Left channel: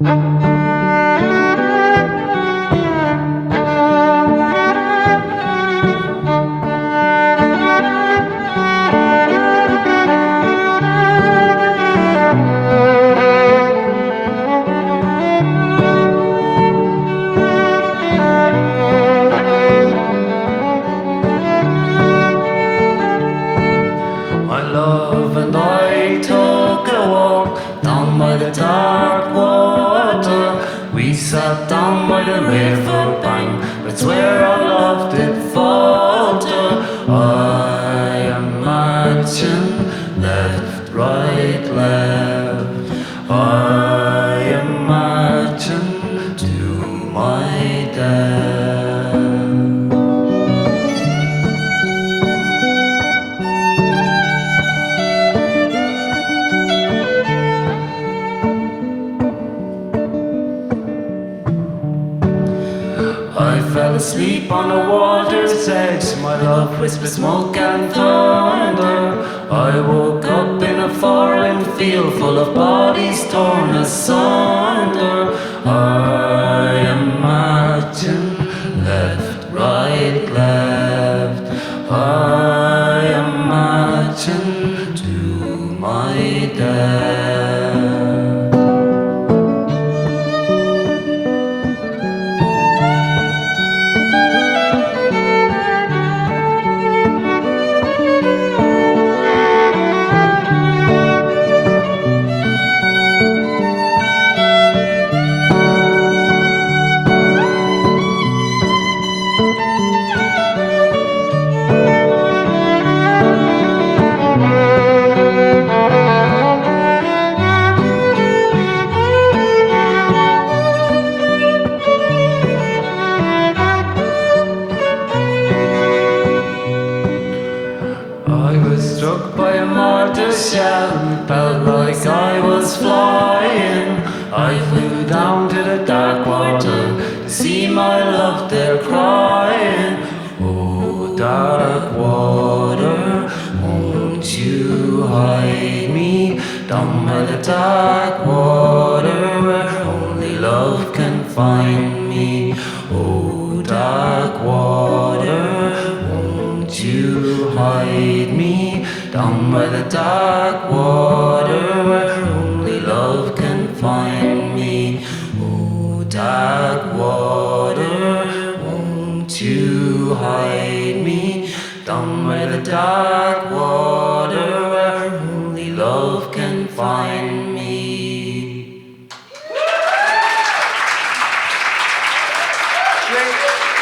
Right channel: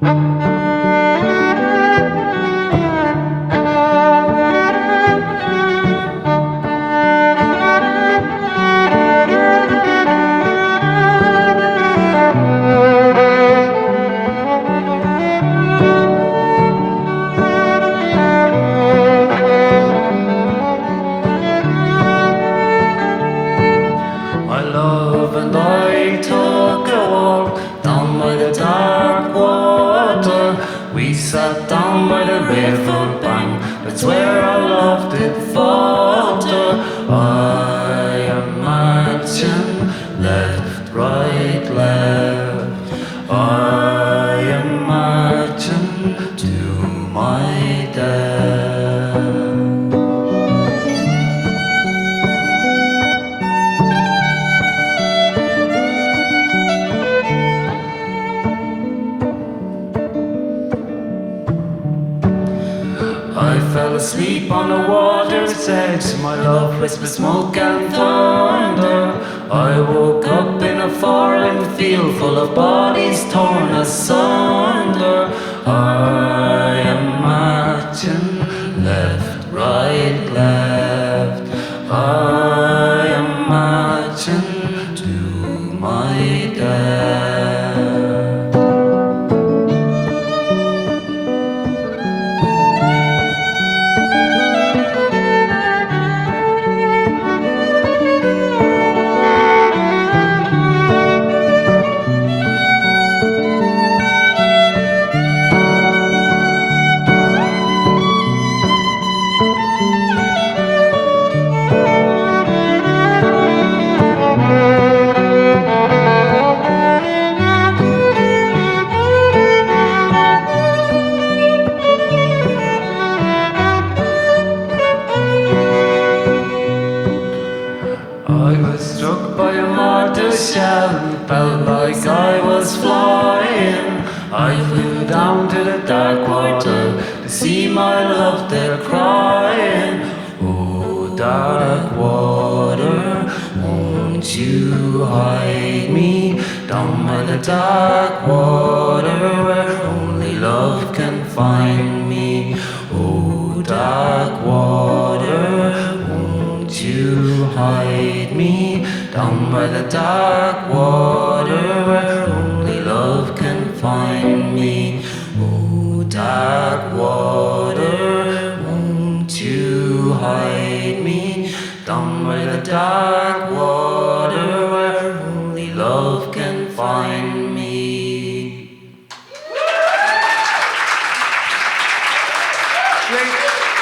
My love and I took a walk down by the dark water. We sat down by the river bank, that's where our love did falter. I am marching left, right, left. I am marching to my death. I fell asleep on the water's edge. My love whispered smoke and thunder. I woke up in a foreign field full of bodies torn asunder. I am marching left, right, left. I am marching to my death. I was struck by a mortar shell and felt like I was flying. I flew down to the dark water to see my love there crying. Oh, dark water, won't you hide me down by the dark water where only love can find me? Oh, dark water, won't you hide me down by the dark water where only love can find me? Oh, dark water, won't you hide me down by the dark water where only love can find me? Great.